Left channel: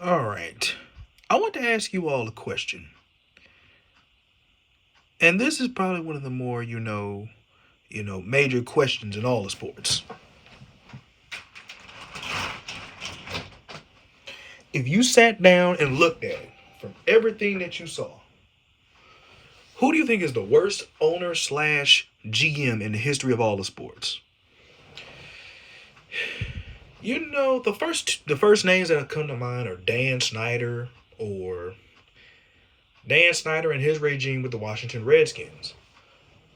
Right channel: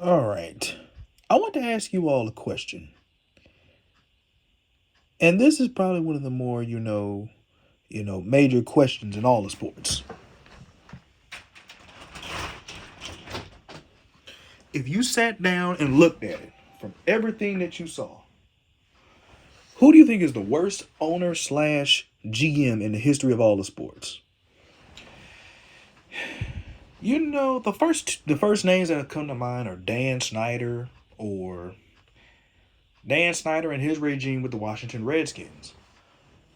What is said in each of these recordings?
All right. I want to ask you all a question. And this is probably one of the more, major questions in all the sports. If you sat down and looked at it from everything that you saw, who do you think is the worst owner slash GM in the history of all the sports? The first names that have come to mind are Dan Snyder and his regime with the Washington Redskins.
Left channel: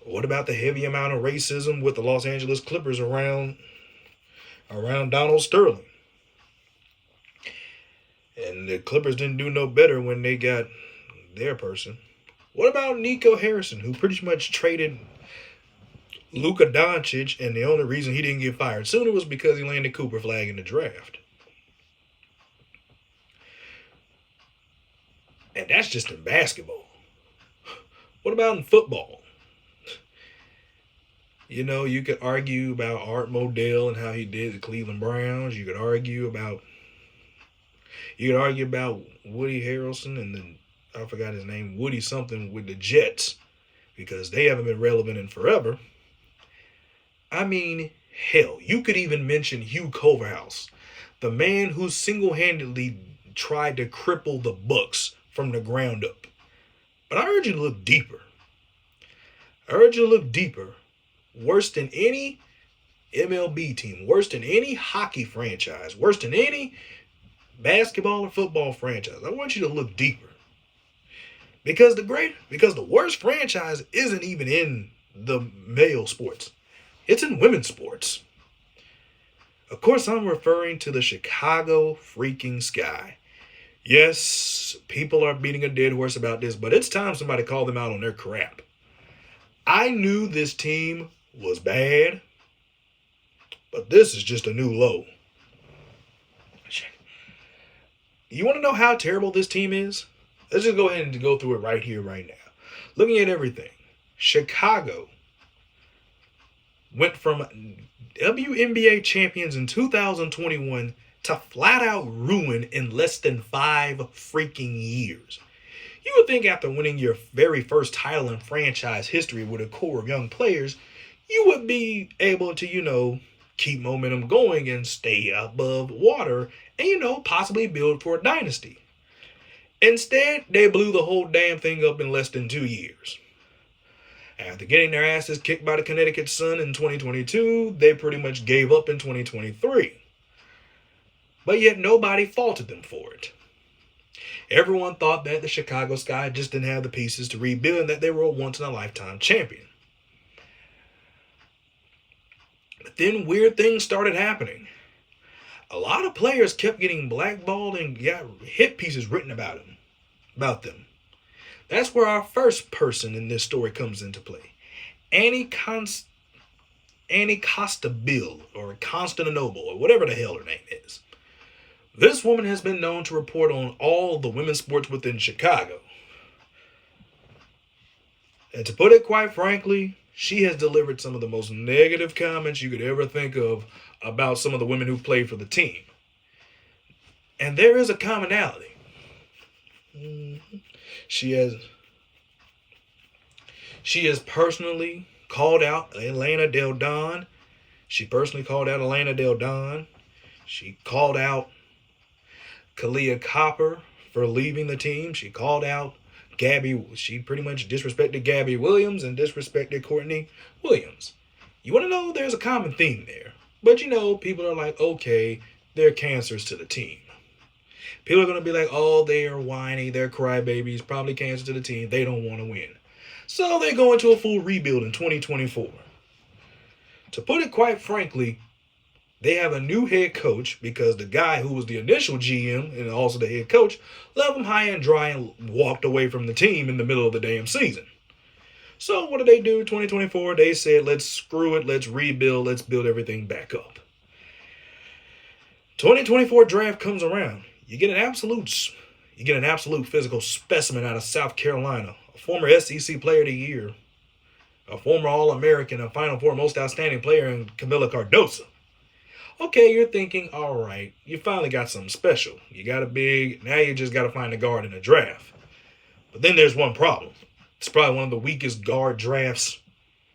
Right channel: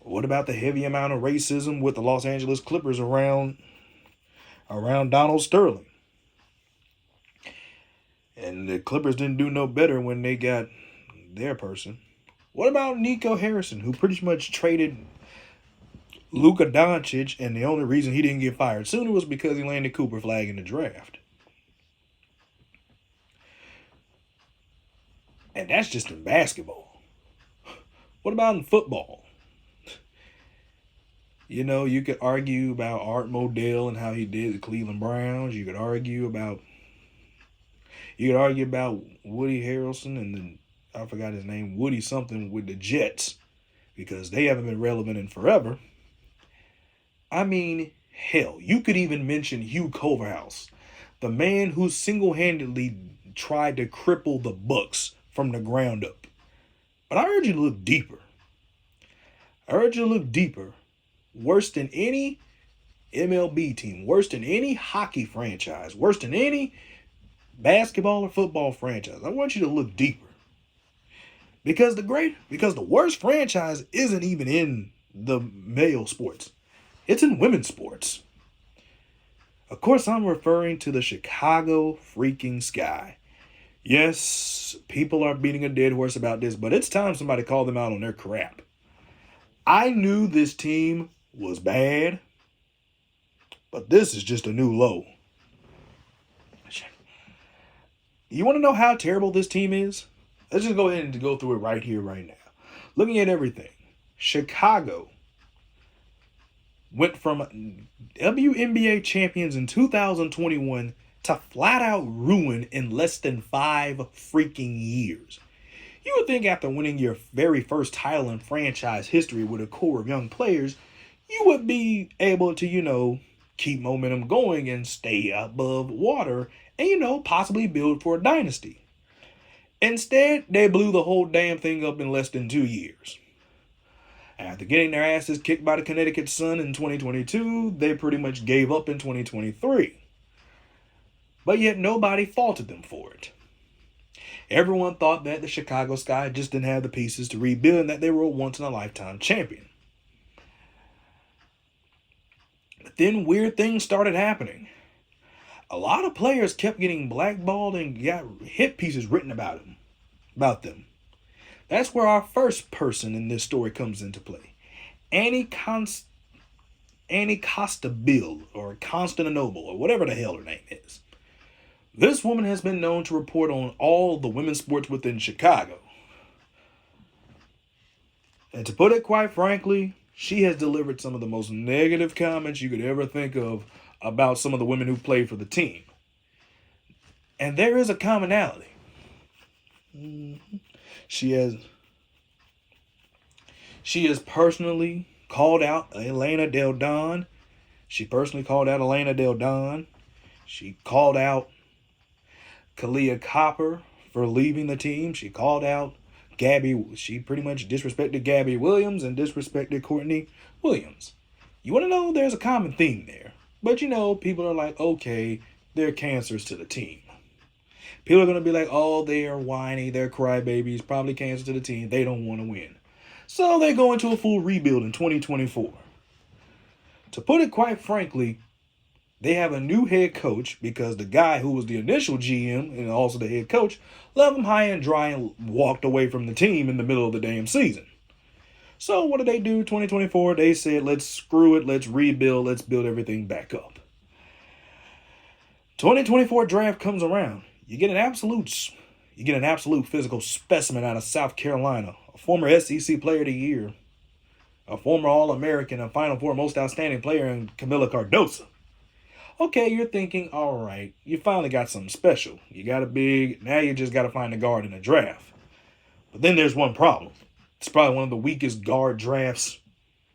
What about the heavy amount of racism with the Los Angeles Clippers around Donald Sterling? And the Clippers didn't do no better when they got their person. What about Nico Harrison, who pretty much traded Luka Doncic, and the only reason he didn't get fired sooner was because he landed Cooper flag in the draft? And that's just in basketball. What about in football? You could argue about Art Modell and how he did the Cleveland Browns. You could argue about Woody Harrelson and then I forgot his name, Woody something with the Jets, because they haven't been relevant in forever. I mean, hell, you could even mention Hugh Culverhouse, the man who single-handedly tried to cripple the Bucks from the ground up. But I urge you to look deeper. I urge you to look deeper. Worse than any MLB team, worse than any hockey franchise, worse than any basketball or football franchise. I want you to look deeper. Because the worst franchise isn't even in the male sports. It's in women's sports. Of course, I'm referring to the Chicago freaking Sky. Yes, people are beating a dead horse about this, but it's time somebody called them out on their crap. I knew this team was bad, but this is just a new low. You want to know how terrible this team is? Let's just go ahead and go through it right here, right now. Looking at everything, Chicago went from WNBA champions in 2021 to flat out ruin in less than 5 freaking years. You would think after winning your very first title in franchise history with a core of young players, you would be able to, keep momentum going and stay above water and, possibly build for a dynasty. Instead, they blew the whole damn thing up in less than 2 years. After getting their asses kicked by the Connecticut Sun in 2022, they pretty much gave up in 2023. But yet nobody faulted them for it. Everyone thought that the Chicago Sky just didn't have the pieces to rebuild and that they were a once-in-a-lifetime champion. But then weird things started happening. A lot of players kept getting blackballed and got hit pieces written about them. That's where our first person in this story comes into play. Annie Costabile, or Constantinople, or whatever the hell her name is. This woman has been known to report on all the women's sports within Chicago. And to put it quite frankly, she has delivered some of the most negative comments you could ever think of about some of the women who played for the team. And there is a commonality. She has personally called out Elena Del Don. She called out Kalia Copper for leaving the team. She called out she pretty much disrespected Gabby Williams and disrespected Courtney Williams. You want to know, there's a common theme there. But people are like, okay, they're cancers to the team. People are going to be like, oh, they are whiny, they're crybabies, probably cancer to the team, they don't want to win. So they go into a full rebuild in 2024. To put it quite frankly, they have a new head coach because the guy who was the initial GM and also the head coach left them high and dry and walked away from the team in the middle of the damn season. So what did they do? 2024, they said, let's screw it, let's rebuild, let's build everything back up. 2024 draft comes around. You get an absolute physical specimen out of South Carolina, a former SEC Player of the Year, a former All-American, a Final Four Most Outstanding Player in Camila Cardoso. Okay, you're thinking, all right, you finally got something special. You got a big, now you just got to find a guard in a draft. But then there's one problem. It's probably one of the weakest guard drafts.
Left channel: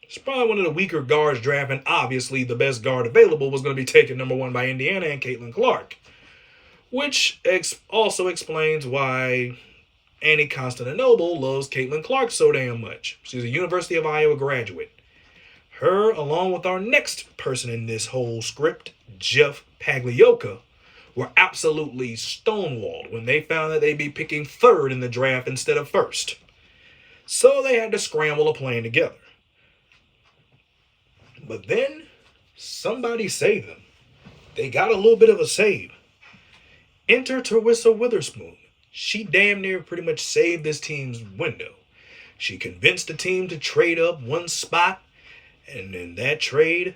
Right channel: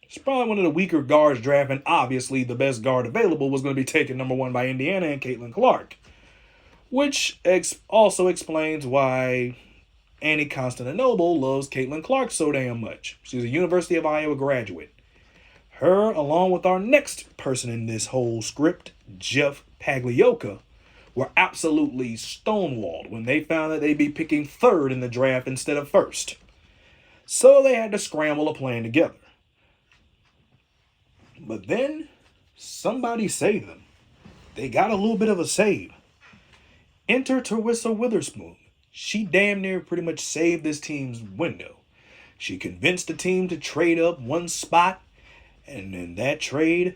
It's probably one of the weaker guards draft, and obviously the best guard available was going to be taken number one by Indiana and Caitlin Clark. Which also explains why Annie Constantinople loves Caitlin Clark so damn much. She's a University of Iowa graduate. Her, along with our next person in this whole script, Jeff Pagliocca, were absolutely stonewalled when they found that they'd be picking third in the draft instead of first. So they had to scramble a plan together. But then, somebody saved them. They got a little bit of a save. Enter Teresa Witherspoon. She damn near pretty much saved this team's window. She convinced the team to trade up one spot, and in that trade,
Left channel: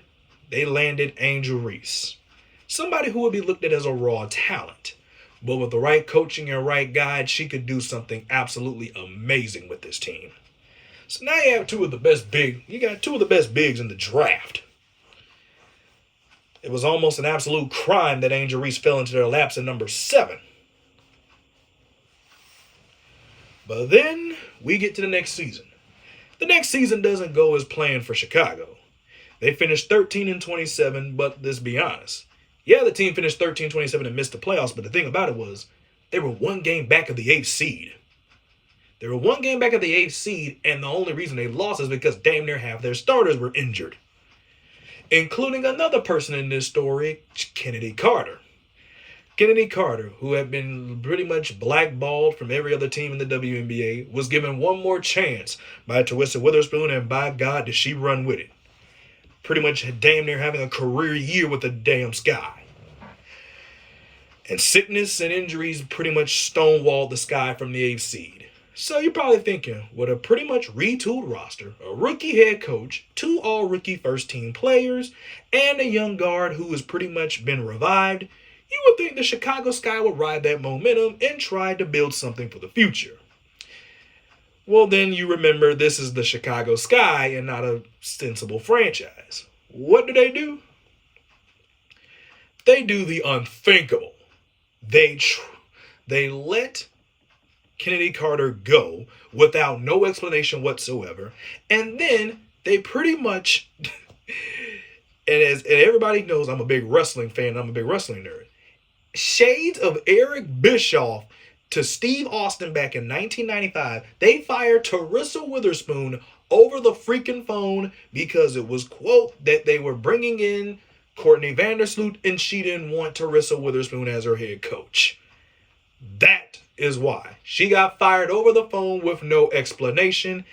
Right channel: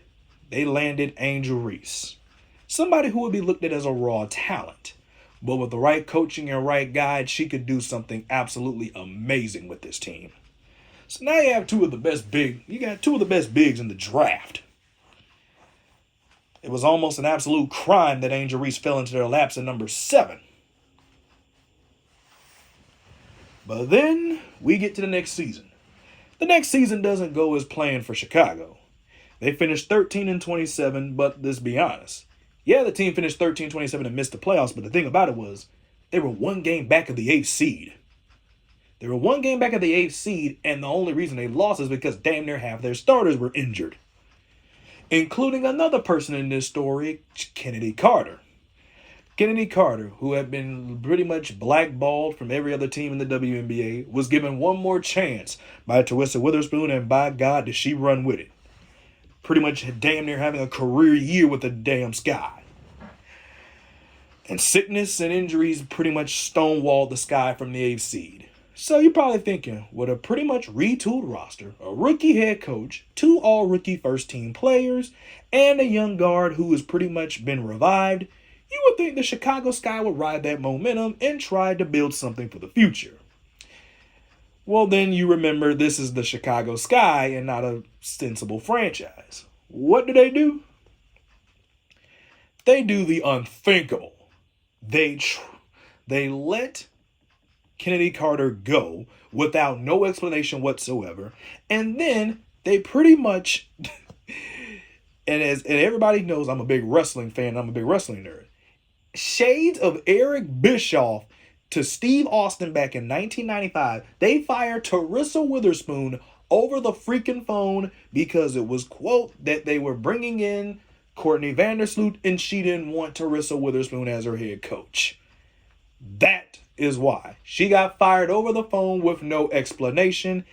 they landed Angel Reese. Somebody who would be looked at as a raw talent. But with the right coaching and right guide, she could do something absolutely amazing with this team. So now you have two of the best bigs in the draft. It was almost an absolute crime that Angel Reese fell into their laps at number 7. But then we get to the next season. The next season doesn't go as planned for Chicago. They finished 13-27, but let's be honest. Yeah, the team finished 13-27 and missed the playoffs, but the thing about it was they were one game back of the 8th seed. They were one game back of the 8th seed, and the only reason they lost is because damn near half their starters were injured. Including another person in this story, Kennedy Carter. Kennedy Carter, who had been pretty much blackballed from every other team in the WNBA, was given one more chance by Teresa Witherspoon, and by God, did she run with it. Pretty much damn near having a career year with the damn Sky. And sickness and injuries pretty much stonewalled the Sky from the 8th seed. So you're probably thinking, with a pretty much retooled roster, a rookie head coach, 2 all-rookie first-team players, and a young guard who has pretty much been revived, you would think the Chicago Sky would ride that momentum and try to build something for the future. Well, then you remember this is the Chicago Sky and not a sensible franchise. What do? They do the unthinkable. They let Kennedy Carter go without no explanation whatsoever, and then they pretty much, and everybody knows I'm a big wrestling fan, I'm a big wrestling nerd, shades of Eric Bischoff to Steve Austin back in 1995, they fired Teresa Witherspoon over the freaking phone because it was, quote, that they were bringing in Courtney Vandersloot and she didn't want Teresa Witherspoon as her head coach. That is why. She got fired over the phone with no explanation,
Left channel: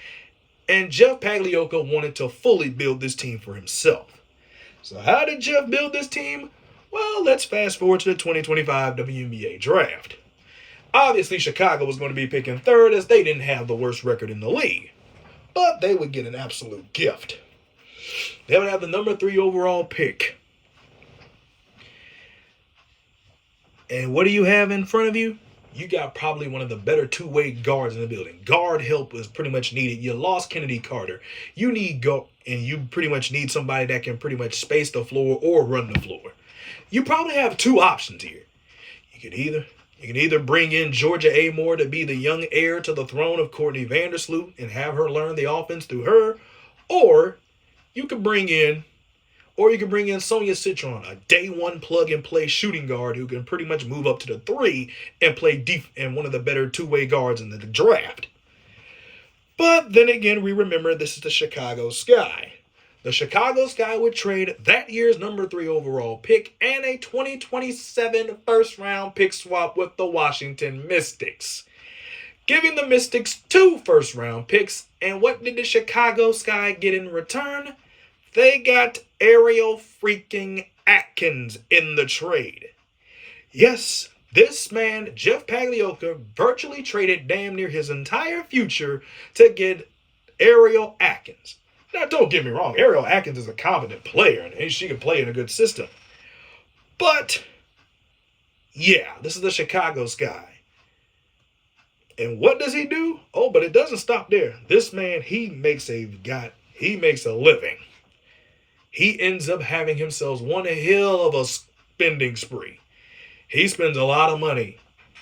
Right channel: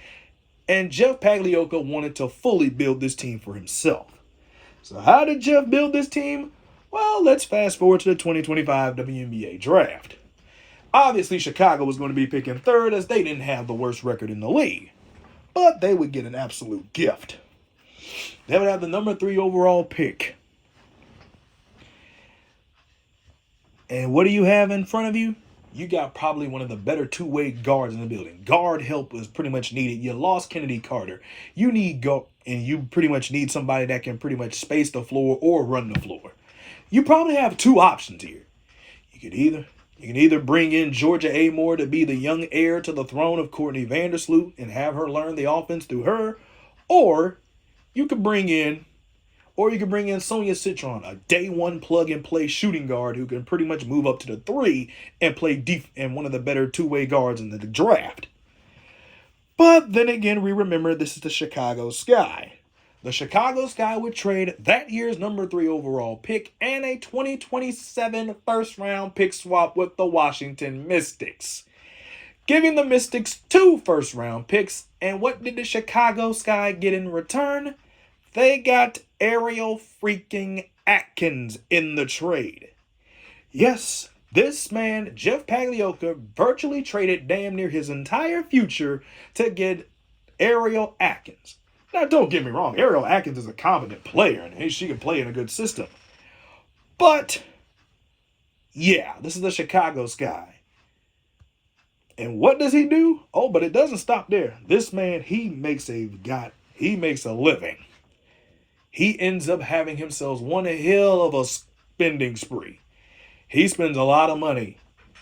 and Jeff Pagliocca wanted to fully build this team for himself. So how did Jeff build this team? Well, let's fast forward to the 2025 WNBA draft. Obviously, Chicago was going to be picking third as they didn't have the worst record in the league. But they would get an absolute gift. They would have the number 3 overall pick. And what do you have in front of you? You got probably one of the better two-way guards in the building. Guard help is pretty much needed. You lost Kennedy Carter. You pretty much need somebody that can pretty much space the floor or run the floor. You probably have 2 options here. You can either bring in Georgia Amore to be the young heir to the throne of Courtney Vandersloot and have her learn the offense through her, or you could bring in Sonia Citron, a day 1 plug-and-play shooting guard who can pretty much move up to the 3 and play and one of the better two-way guards in the draft. But then again, we remember this is the Chicago Sky. The Chicago Sky would trade that year's number 3 overall pick and a 2027 first-round pick swap with the Washington Mystics, giving the Mystics 2 first-round picks. And what did the Chicago Sky get in return? They got Ariel freaking Atkins in the trade. Yes, this man, Jeff Pagliocca, virtually traded damn near his entire future to get Ariel Atkins. Now, don't get me wrong, Ariel Atkins is a competent player, and she can play in a good system. But, yeah, this is the Chicago Sky. And what does he do? Oh, but it doesn't stop there. This man, he makes a living. He ends up having himself one hell of a spending spree. He spends a lot of money.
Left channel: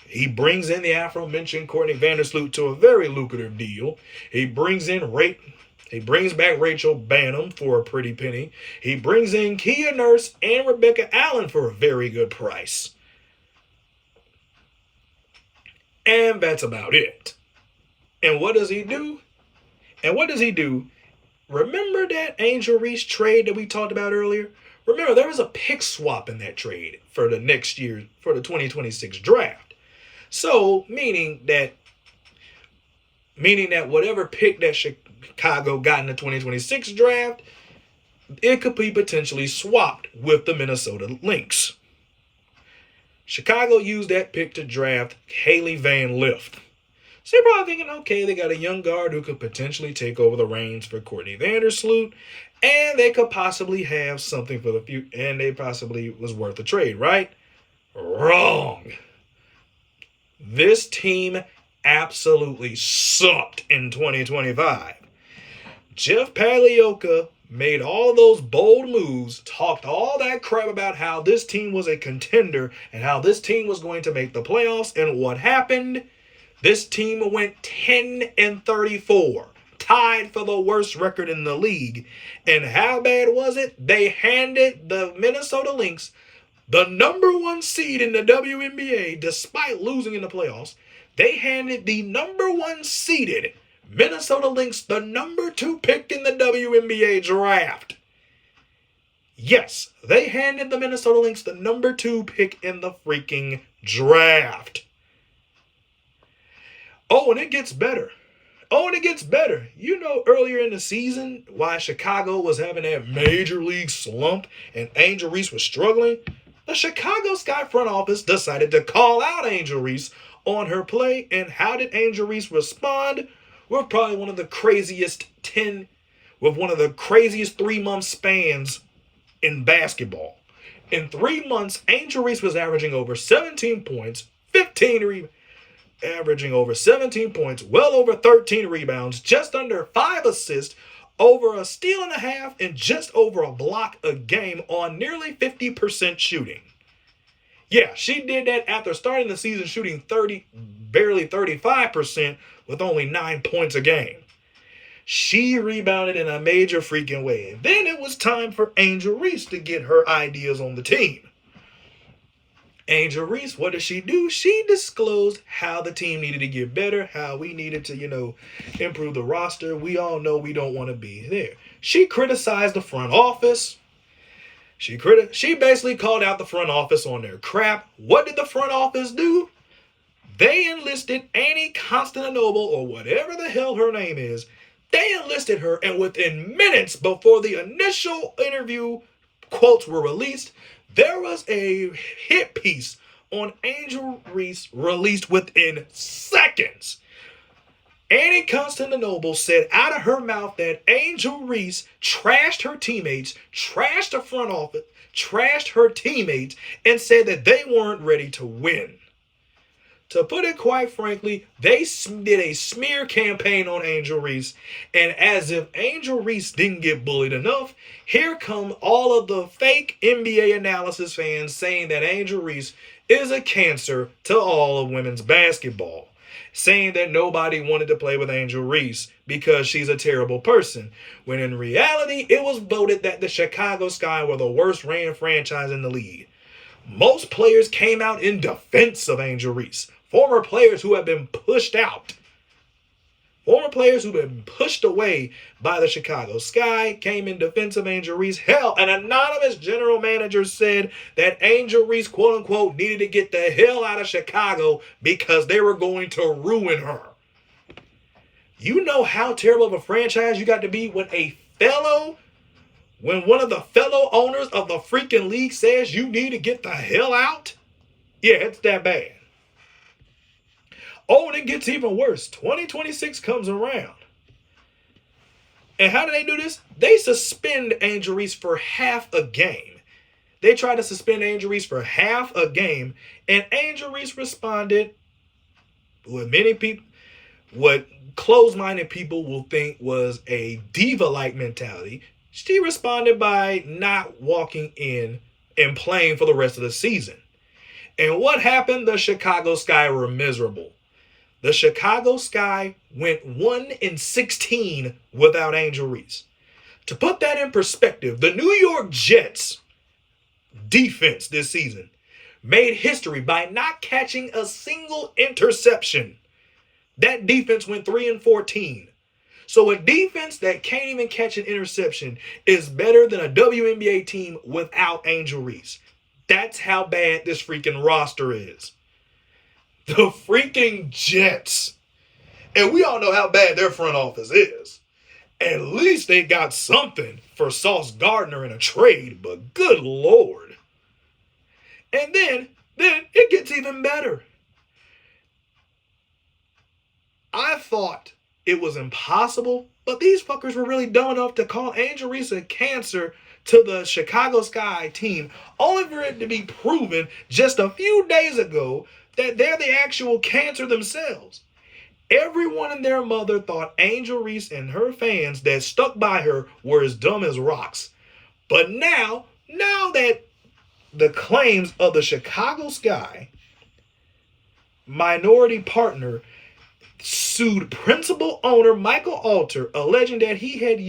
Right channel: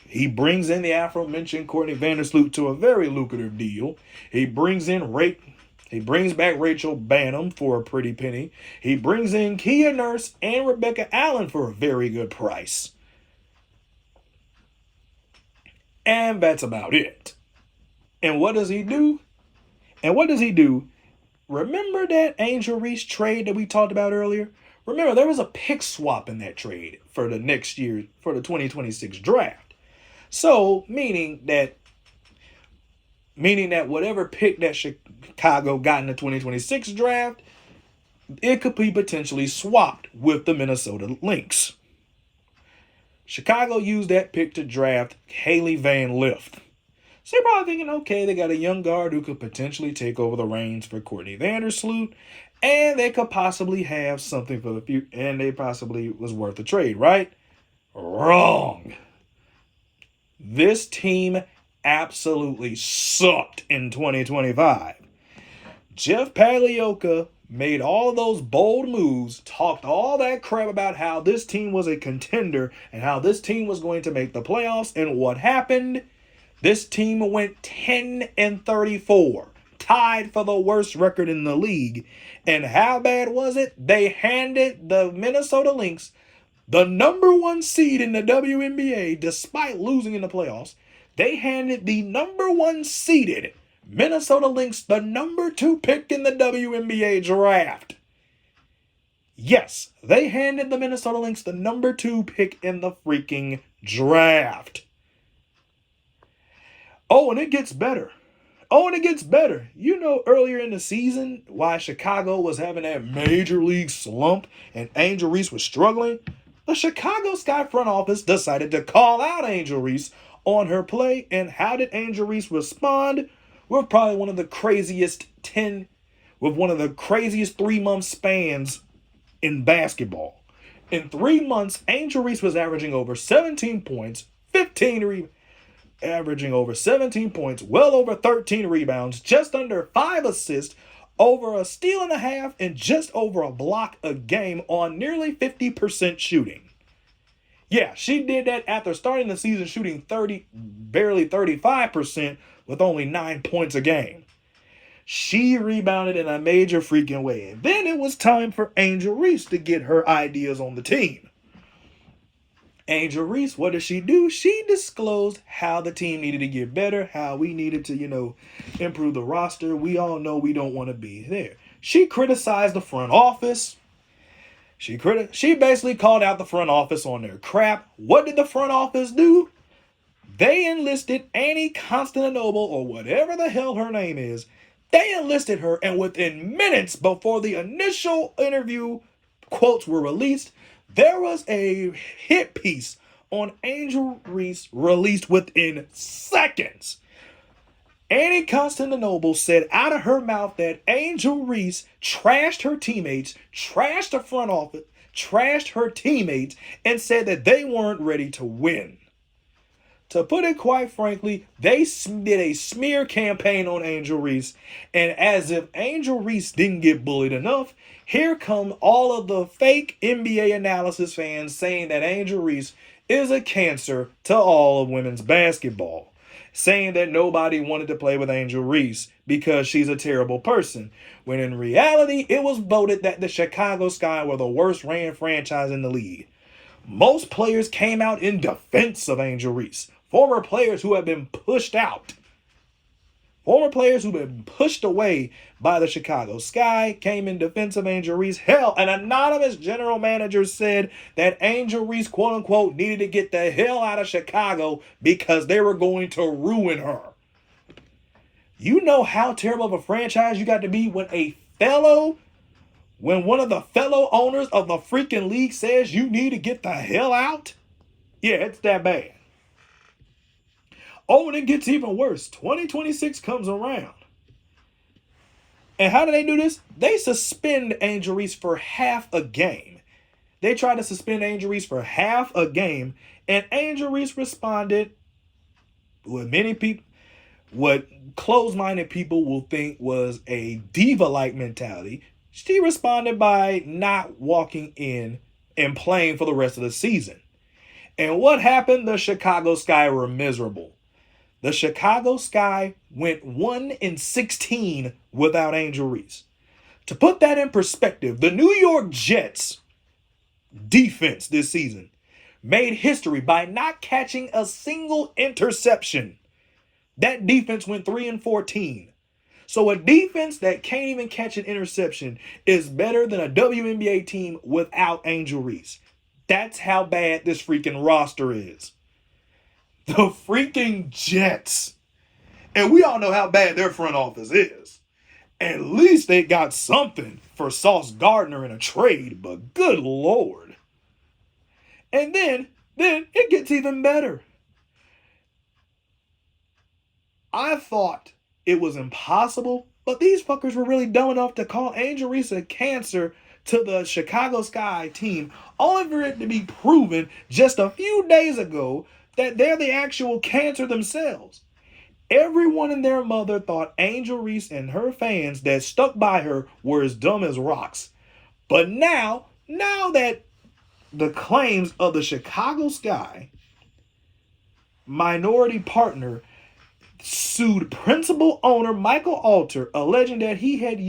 He brings in the aforementioned Courtney Vandersloot to a very lucrative deal. He brings back Rachel Bannum for a pretty penny. He brings in Kia Nurse and Rebecca Allen for a very good price. And that's about it. And what does he do? Remember that Angel Reese trade that we talked about earlier? Remember, there was a pick swap in that trade for the next year, for the 2026 draft. So, meaning that whatever pick that Chicago got in the 2026 draft, it could be potentially swapped with the Minnesota Lynx. Chicago used that pick to draft Haley Van Lith. So you're probably thinking, okay, they got a young guard who could potentially take over the reins for Courtney Vandersloot, and they could possibly have something for the future, and they possibly was worth a trade, right? Wrong. This team absolutely sucked in 2025. Jeff Pagliocca made all those bold moves, talked all that crap about how this team was a contender and how this team was going to make the playoffs, and what happened? This team went 10-34, tied for the worst record in the league. And how bad was it? They handed the Minnesota Lynx, the number one seed in the WNBA, despite losing in the playoffs. They handed the number one seeded Minnesota Lynx the number 2 pick in the WNBA draft. Yes, they handed the Minnesota Lynx the number 2 pick in the freaking draft. Oh, and it gets better. You know, earlier in the season, why Chicago was having that major league slump and Angel Reese was struggling? The Chicago Sky front office decided to call out Angel Reese on her play. And how did Angel Reese respond? With probably one of the craziest 3-month spans in basketball. In 3 months, Angel Reese was averaging over 17 points, well over 13 rebounds, just under 5 assists, over a steal and a half, and just over a block a game on nearly 50% shooting. Yeah, she did that after starting the season shooting barely 35% with only 9 points a game. She rebounded in a major freaking way. And then it was time for Angel Reese to get her ideas on the team. Angel Reese, what did she do? She disclosed how the team needed to get better, how we needed to, improve the roster. We all know we don't want to be there. She criticized the front office. She basically called out the front office on their crap. What did the front office do? They enlisted Annie Constantinople, or whatever the hell her name is. They enlisted her, and within minutes before the initial interview quotes were released, there was a hit piece on Angel Reese released within seconds. Annie Constantinople said out of her mouth that Angel Reese trashed her teammates, trashed the front office, trashed her teammates, and said that they weren't ready to win. To put it quite frankly, they did a smear campaign on Angel Reese, and as if Angel Reese didn't get bullied enough, here come all of the fake NBA analysis fans saying that Angel Reese is a cancer to all of women's basketball, saying that nobody wanted to play with Angel Reese because she's a terrible person, when in reality, it was voted that the Chicago Sky were the worst ran franchise in the league. Most players came out in defense of Angel Reese. Former players who have been pushed out. Former players who've been pushed away by the Chicago Sky came in defense of Angel Reese. Hell, an anonymous general manager said that Angel Reese, quote unquote, needed to get the hell out of Chicago because they were going to ruin her. You know how terrible of a franchise you got to be when one of the fellow owners of the freaking league says you need to get the hell out? Yeah, it's that bad. Oh, and it gets even worse. 2026 comes around. And how do they do this? They suspend Angel Reese for half a game. They tried to suspend Angel Reese for half a game, and Angel Reese responded what closed-minded people will think was a diva-like mentality. She responded by not walking in and playing for the rest of the season. And what happened? The Chicago Sky were miserable. The Chicago Sky went 1-16 without Angel Reese. To put that in perspective, the New York Jets defense this season made history by not catching a single interception. That defense went 3-14. So a defense that can't even catch an interception is better than a WNBA team without Angel Reese. That's how bad this freaking roster is. The freaking Jets. And we all know how bad their front office is. At least they got something for Sauce Gardner in a trade, but good Lord. And then it gets even better. I thought it was impossible, but these fuckers were really dumb enough to call Angel Reese a cancer to the Chicago Sky team, only for it to be proven just a few days ago that they're the actual cancer themselves. Everyone and their mother thought Angel Reese and her fans that stuck by her were as dumb as rocks. But now that the claims of the Chicago Sky minority partner sued principal owner Michael Alter, alleging that he had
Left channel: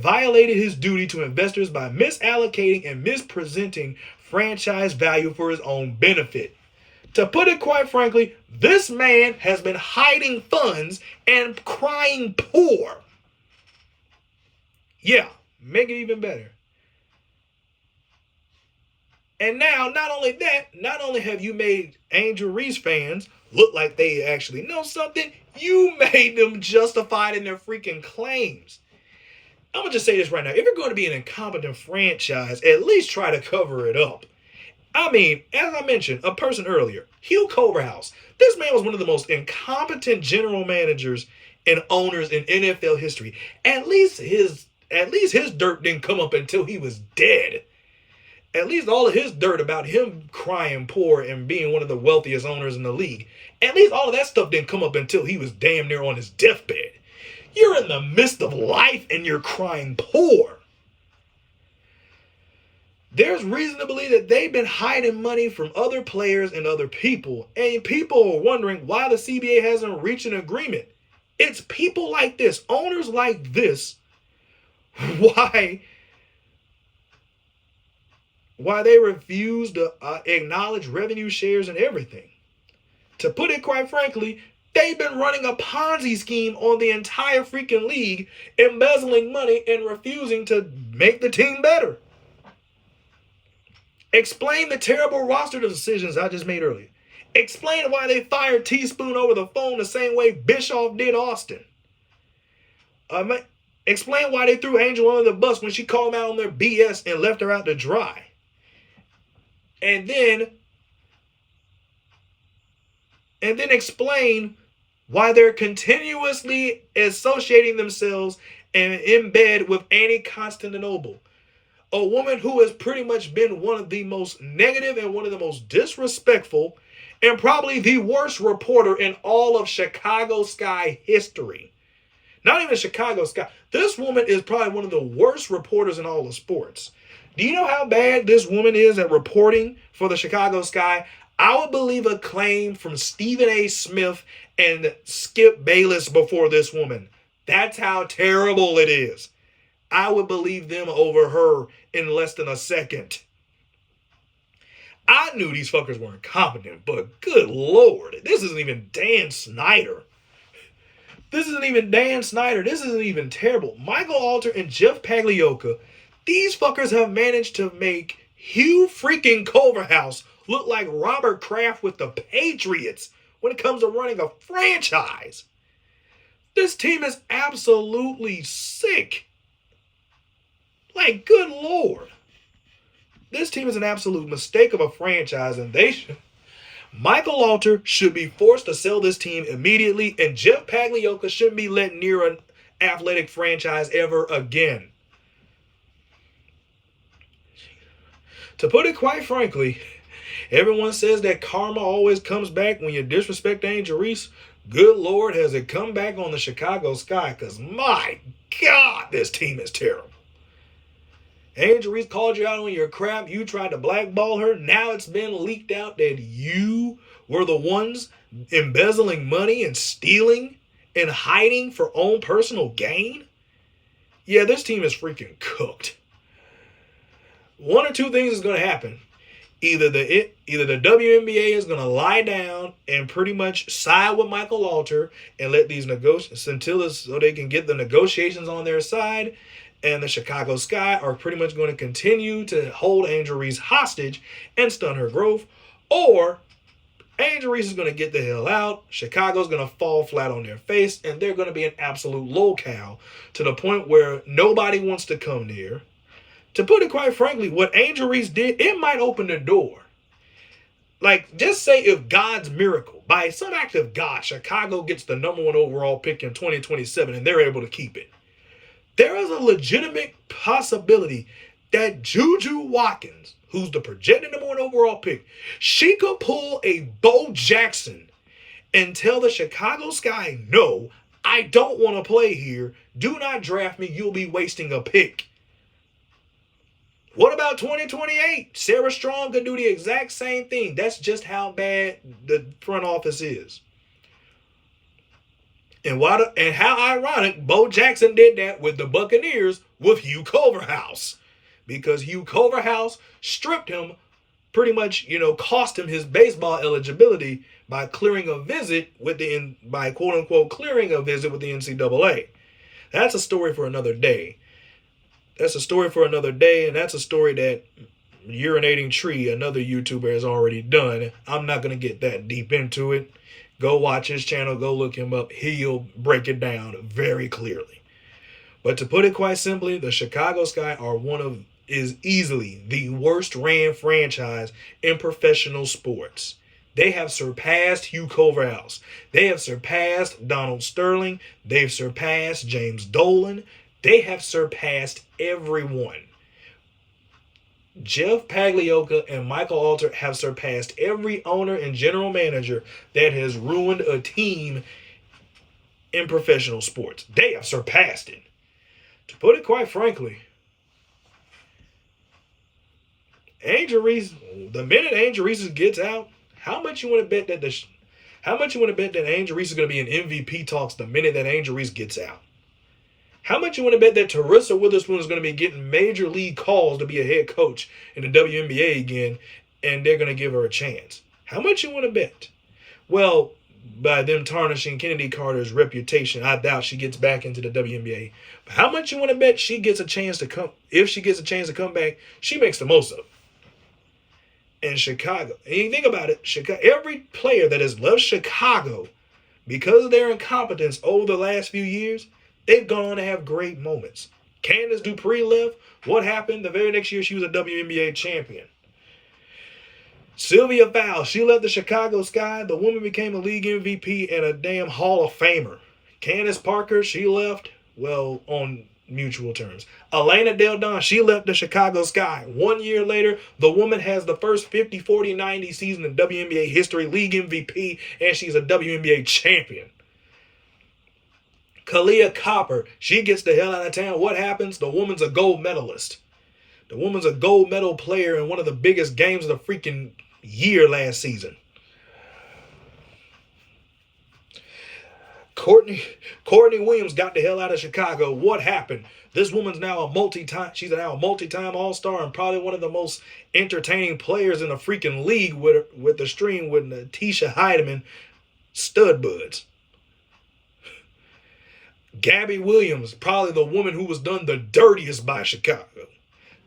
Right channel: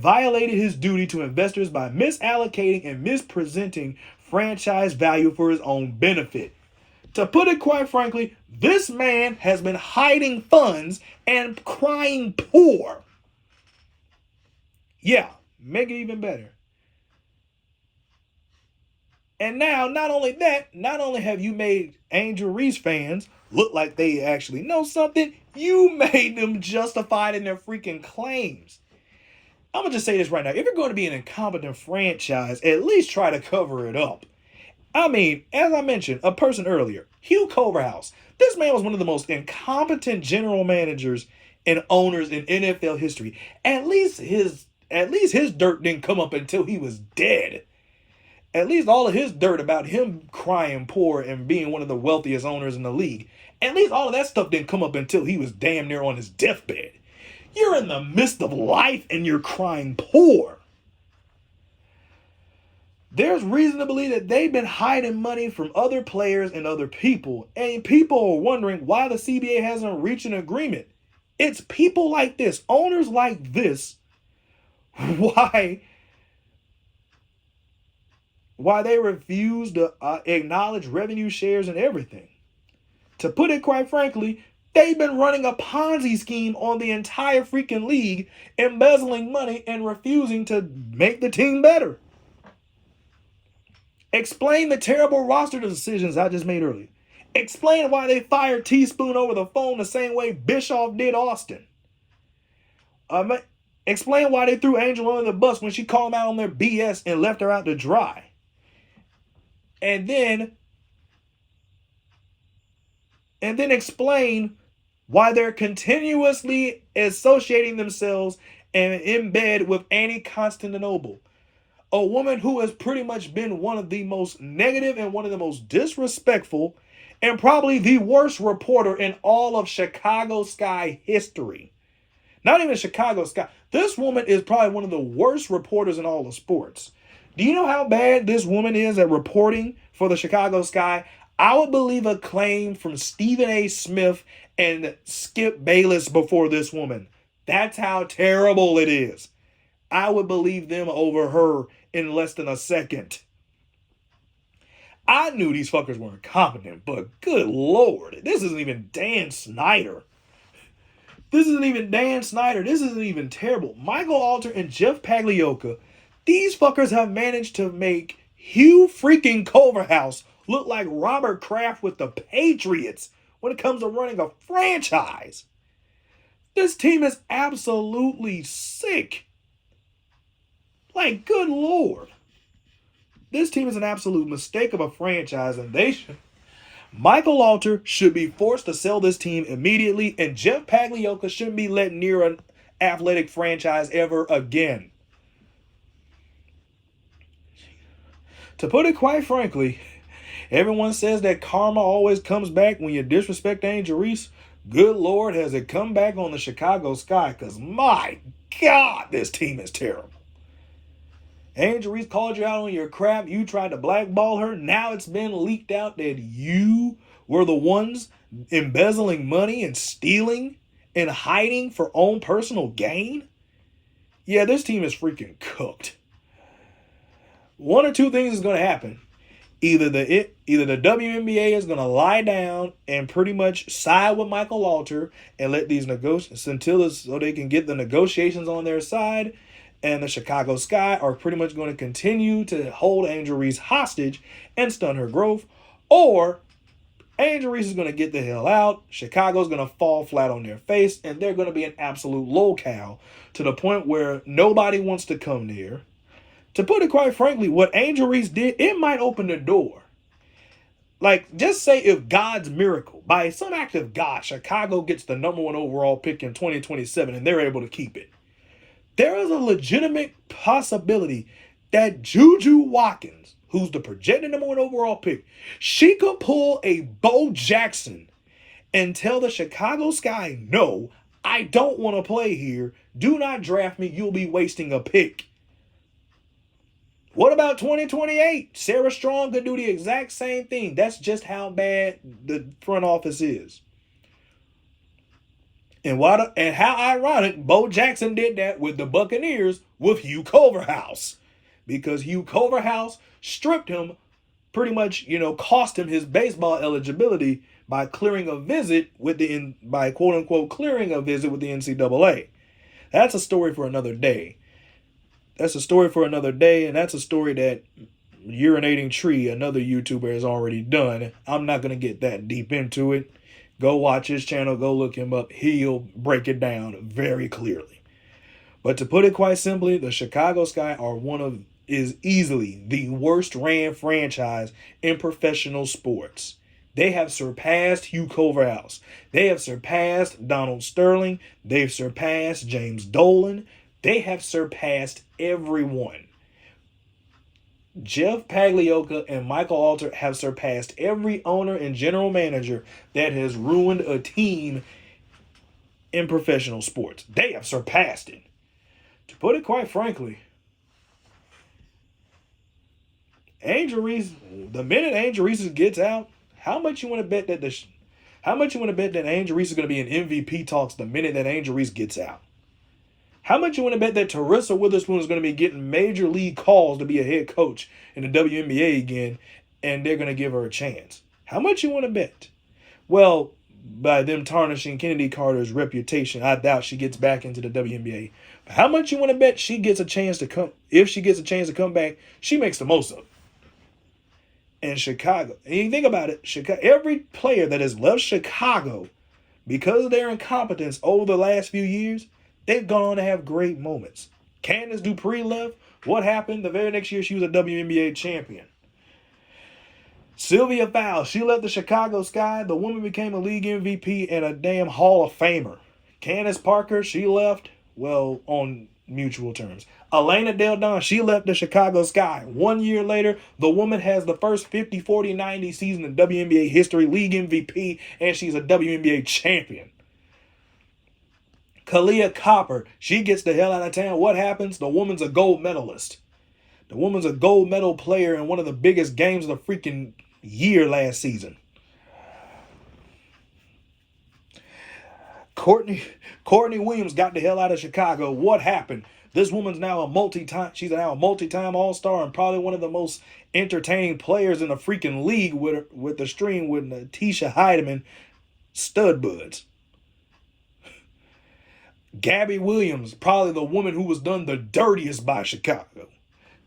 violated his duty to investors by misallocating and mispresenting franchise value for his own benefit. To put it quite frankly, this man has been hiding funds and crying poor. Yeah, make it even better. And now, not only have you made Angel Reese fans look like they actually know something, you made them justified in their freaking claims. I'm going to just say this right now. If you're going to be an incompetent franchise, at least try to cover it up. I mean, as I mentioned, a person earlier, Hugh Culverhouse. This man was one of the most incompetent general managers and owners in NFL history. At least his dirt didn't come up until he was dead. At least all of his dirt about him crying poor and being one of the wealthiest owners in the league, at least all of that stuff didn't come up until he was damn near on his deathbed. You're in the midst of life and you're crying poor. There's reason to believe that they've been hiding money from other players and other people. And people are wondering why the CBA hasn't reached an agreement. It's people like this, owners like this, why they refuse to acknowledge revenue shares and everything. To put it quite frankly, they've been running a Ponzi scheme on the entire freaking league, embezzling money and refusing to make the team better. Explain the terrible roster decisions I just made earlier. Explain why they fired Teaspoon over the phone the same way Bischoff did Austin. Explain why they threw Angel under the bus when she called them out on their BS and left her out to dry. And then explain why they're continuously associating themselves and in bed with Annie Constantinople, a woman who has pretty much been one of the most negative and one of the most disrespectful and probably the worst reporter in all of Chicago Sky history. Not even Chicago Sky. This woman is probably one of the worst reporters in all of sports. Do you know how bad this woman is at reporting for the Chicago Sky? I would believe a claim from Stephen A. Smith and Skip Bayless before this woman. That's how terrible it is. I would believe them over her in less than a second. I knew these fuckers were incompetent, but good Lord, this isn't even Dan Snyder. This isn't even terrible. Michael Alter and Jeff Pagliocca, these fuckers have managed to make Hugh freaking Culverhouse look like Robert Kraft with the Patriots when it comes to running a franchise. This team is absolutely sick. Like, good Lord. This team is an absolute mistake of a franchise, and Michael Alter should be forced to sell this team immediately, and Jeff Pagliocca shouldn't be let near an athletic franchise ever again. To put it quite frankly, everyone says that karma always comes back when you disrespect Angel Reese. Good Lord, has it come back on the Chicago Sky? Because my God, this team is terrible. Angel Reese called you out on your crap. You tried to blackball her. Now it's been leaked out that you were the ones embezzling money and stealing and hiding for own personal gain. Yeah, this team is freaking cooked. One or two things is going to happen. Either the WNBA is going to lie down and pretty much side with Michael Alter and let these negotiations so they can get the negotiations on their side, and the Chicago Sky are pretty much going to continue to hold Angel Reese hostage and stun her growth, or Angel Reese is going to get the hell out. Chicago's going to fall flat on their face, and they're going to be an absolute lolcow to the point where nobody wants to come near. To put it quite frankly, what Angel Reese did, it might open the door. Like, just say if God's miracle, by some act of God, Chicago gets the number 1 overall pick in 2027 and they're able to keep it. There is a legitimate possibility that Juju Watkins, who's the projected number 1 overall pick, she could pull a Bo Jackson and tell the Chicago Sky, no, I don't want to play here. Do not draft me. You'll be wasting a pick. What about 2028? Sarah Strong could do the exact same thing. That's just how bad the front office is. And how ironic, Bo Jackson did that with the Buccaneers with Hugh Culverhouse. Because Hugh Culverhouse stripped him, pretty much, cost him his baseball eligibility by clearing a visit with by quote unquote clearing a visit with the NCAA. That's a story for another day. And that's a story that Urinating Tree, another YouTuber, has already done. I'm not going to get that deep into it. Go watch his channel. Go look him up. He'll break it down very clearly. But to put it quite simply, the Chicago Sky is easily the worst ran franchise in professional sports. They have surpassed Hugh Culverhouse. They have surpassed Donald Sterling. They've surpassed James Dolan. They have surpassed everyone. Jeff Pagliocca and Michael Alter have surpassed every owner and general manager that has ruined a team in professional sports. They have surpassed it. To put it quite frankly, Angel Reese, the minute Angel Reese gets out, how much you want to bet that Angel Reese is going to be in MVP talks the minute that Angel Reese gets out? How much you want to bet that Teresa Witherspoon is going to be getting major league calls to be a head coach in the WNBA again, and they're going to give her a chance? How much you want to bet? Well, by them tarnishing Kennedy Carter's reputation, I doubt she gets back into the WNBA. But how much you want to bet she gets a chance to come? If she gets a chance to come back, she makes the most of it. And Chicago, and you think about it, every player that has left Chicago because of their incompetence over the last few years, they've gone on to have great moments. Candace Dupree left. What happened? The very next year, she was a WNBA champion. Sylvia Fowles, she left the Chicago Sky. The woman became a league MVP and a damn Hall of Famer. Candace Parker, she left, well, on mutual terms. Elena Del Don, she left the Chicago Sky. 1 year later, the woman has the first 50, 40, 90 season in WNBA history, league MVP, and she's a WNBA champion. Kalia Copper, she gets the hell out of town. What happens? The woman's a gold medalist. The woman's a gold medal player in one of the biggest games of the freaking year last season. Courtney Williams got the hell out of Chicago. What happened? This woman's now she's now a multi-time All-Star and probably one of the most entertaining players in the freaking league with the stream with Tisha Heidemann stud buds. Gabby Williams, probably the woman who was done the dirtiest by Chicago.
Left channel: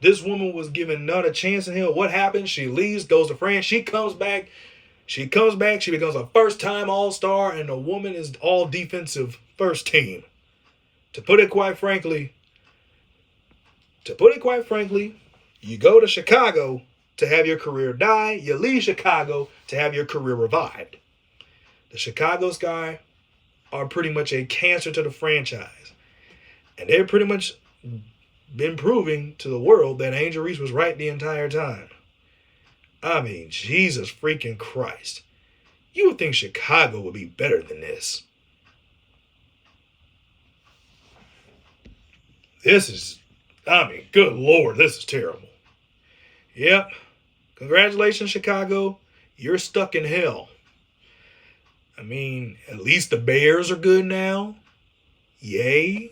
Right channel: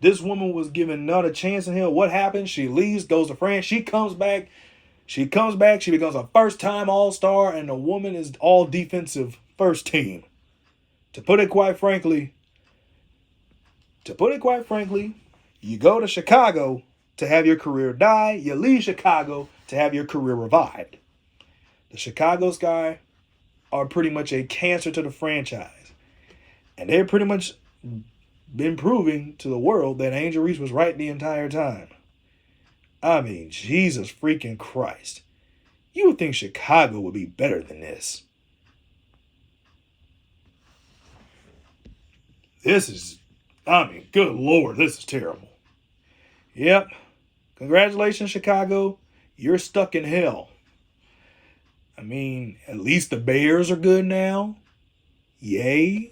This woman was given not a chance in hell. What happens? She leaves, goes to France. She comes back. She becomes a first-time All-Star, and the woman is all defensive first team. To put it quite frankly, you go to Chicago to have your career die. You leave Chicago to have your career revived. The Chicago Sky are pretty much a cancer to the franchise. And they're pretty much been proving to the world that Angel Reese was right the entire time. I mean, Jesus freaking Christ. You would think Chicago would be better than this. This is I mean, good Lord, this is terrible. Yep. Congratulations, Chicago. You're stuck in hell. I mean, at least the Bears are good now. Yay.